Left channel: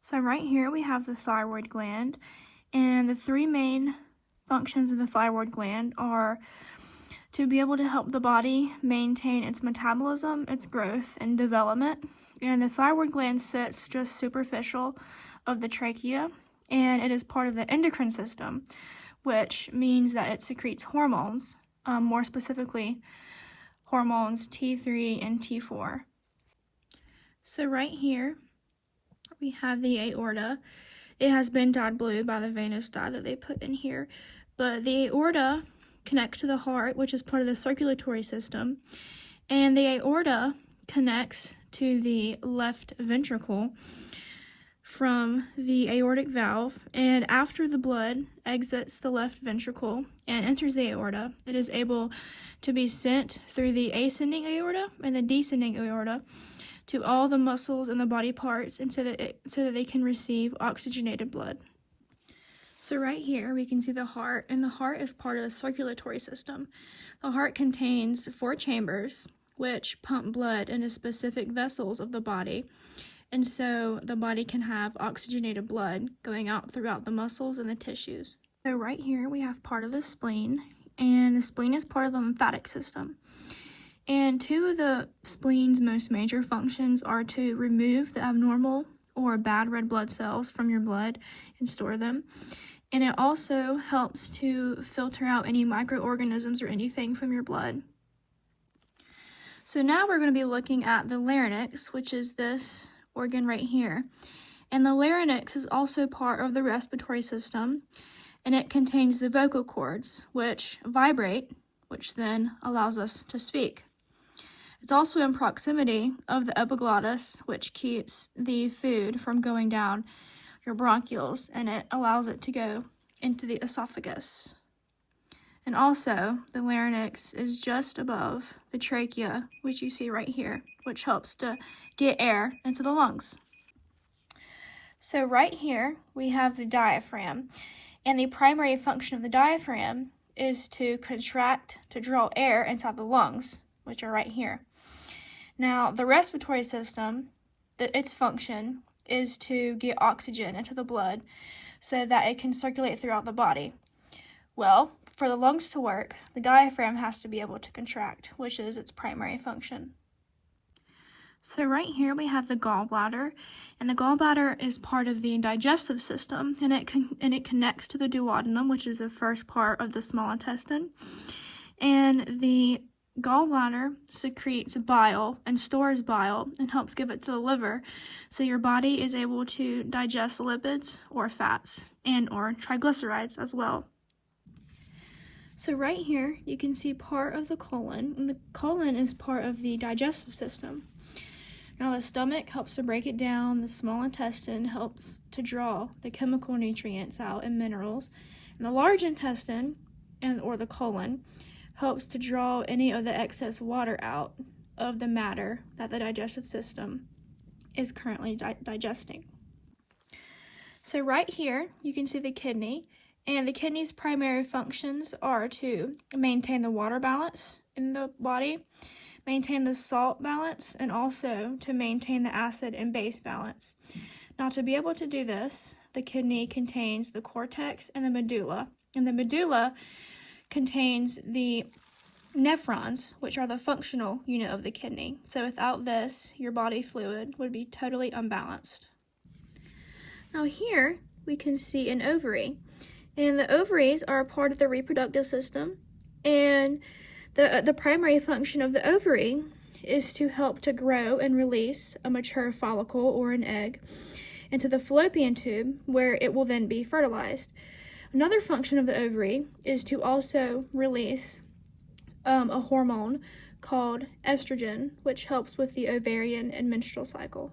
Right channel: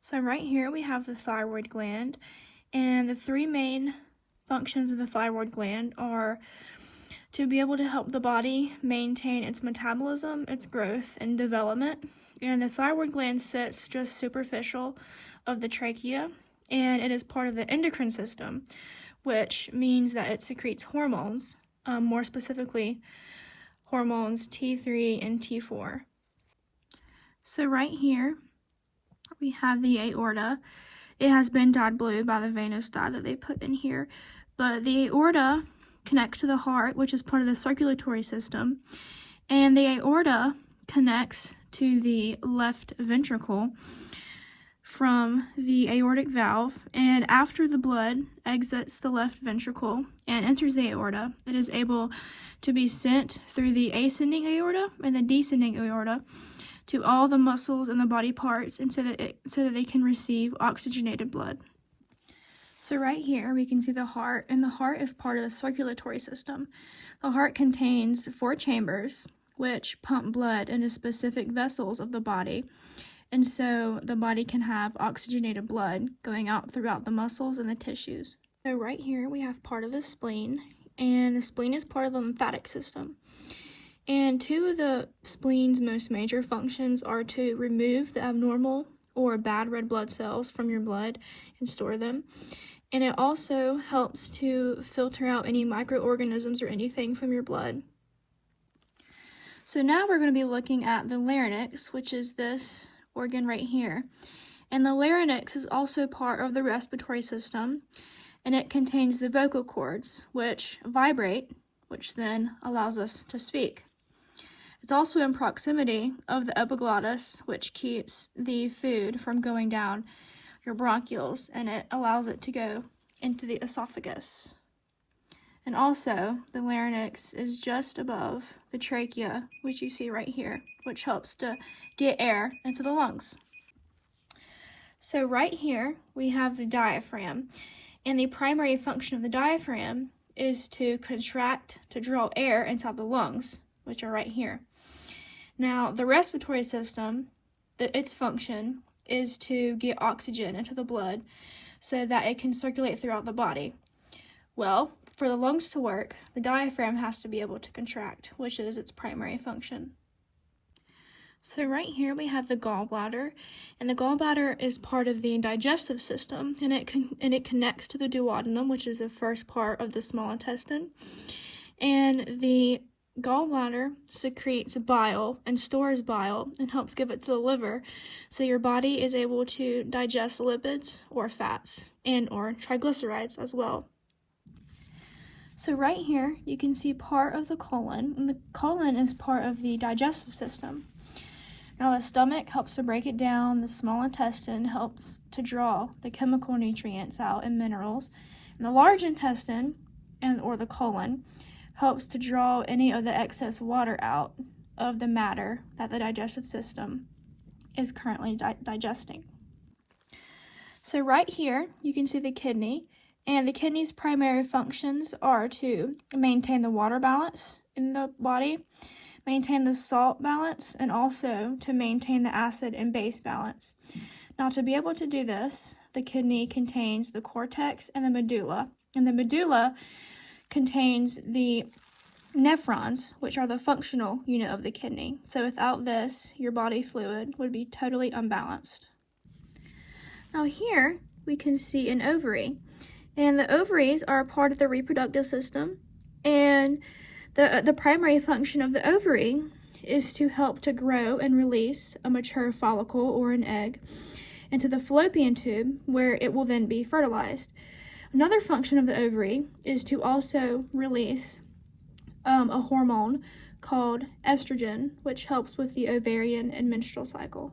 So right here we have the thyroid gland, and the three main functions of the thyroid gland are to be able to help the body maintain its metabolism, its growth, and development. And the thyroid gland sits just superficial of the trachea, and it is part of the endocrine system, which means that it secretes hormones, more specifically hormones T3 and T4. So right here we have the aorta. It has been dyed blue by the venous dye that they put in here, but the aorta connects to the heart, which is part of the circulatory system, and the aorta connects to the left ventricle from the aortic valve, and after the blood exits the left ventricle and enters the aorta, it is able to be sent through the ascending aorta and the descending aorta to all the muscles and the body parts, and so that they can receive oxygenated blood. So right here we can see the heart, and the heart is part of the circulatory system. The heart contains 4 chambers which pump blood into specific vessels of the body, and so the body can have oxygenated blood going out throughout the muscles and the tissues. So right here we have part of the spleen, and the spleen is part of the lymphatic system. And 2 of the spleen's most major functions are to remove the abnormal or bad red blood cells from your blood and store them. And it also helps to filter out any microorganisms or anything from your blood. So now we're going to be looking at the larynx, which is this organ right here. And the larynx is also part of the respiratory system, and it contains the vocal cords, which vibrate, which then allows us to speak. It's also in proximity of the epiglottis, which keeps the food from going down your bronchioles, and it allows it to go into the esophagus. And also, the larynx is just above the trachea, which you see right here, which helps to get air into the lungs. So right here, we have the diaphragm, and the primary function of the diaphragm is to contract to draw air inside the lungs, which are right here. Now, the respiratory system, its function is to get oxygen into the blood so that it can circulate throughout the body. Well, for the lungs to work, the diaphragm has to be able to contract, which is its primary function. So right here we have the gallbladder, and the gallbladder is part of the digestive system, and it connects to the duodenum, which is the first part of the small intestine. And the gallbladder secretes bile and stores bile and helps give it to the liver, so your body is able to digest lipids or fats and or triglycerides as well. So right here you can see part of the colon, and the colon is part of the digestive system. Now the stomach helps to break it down, the small intestine helps to draw the chemical nutrients out and minerals, and the large intestine or the colon helps to draw any of the excess water out of the matter that the digestive system is currently digesting. So right here, you can see the kidney, and the kidney's primary functions are to maintain the water balance in the body, maintain the salt balance, and also to maintain the acid and base balance. Now, to be able to do this, the kidney contains the cortex and the medulla, and the medulla contains the nephrons, which are the functional unit of the kidney. So without this, your body fluid would be totally unbalanced. Now here we can see an ovary, and the ovaries are a part of the reproductive system, and the primary function of the ovary is to help to grow and release a mature follicle or an egg into the fallopian tube, where it will then be fertilized. Another function of the ovary is to also release a hormone called estrogen, which helps with the ovarian and menstrual cycle.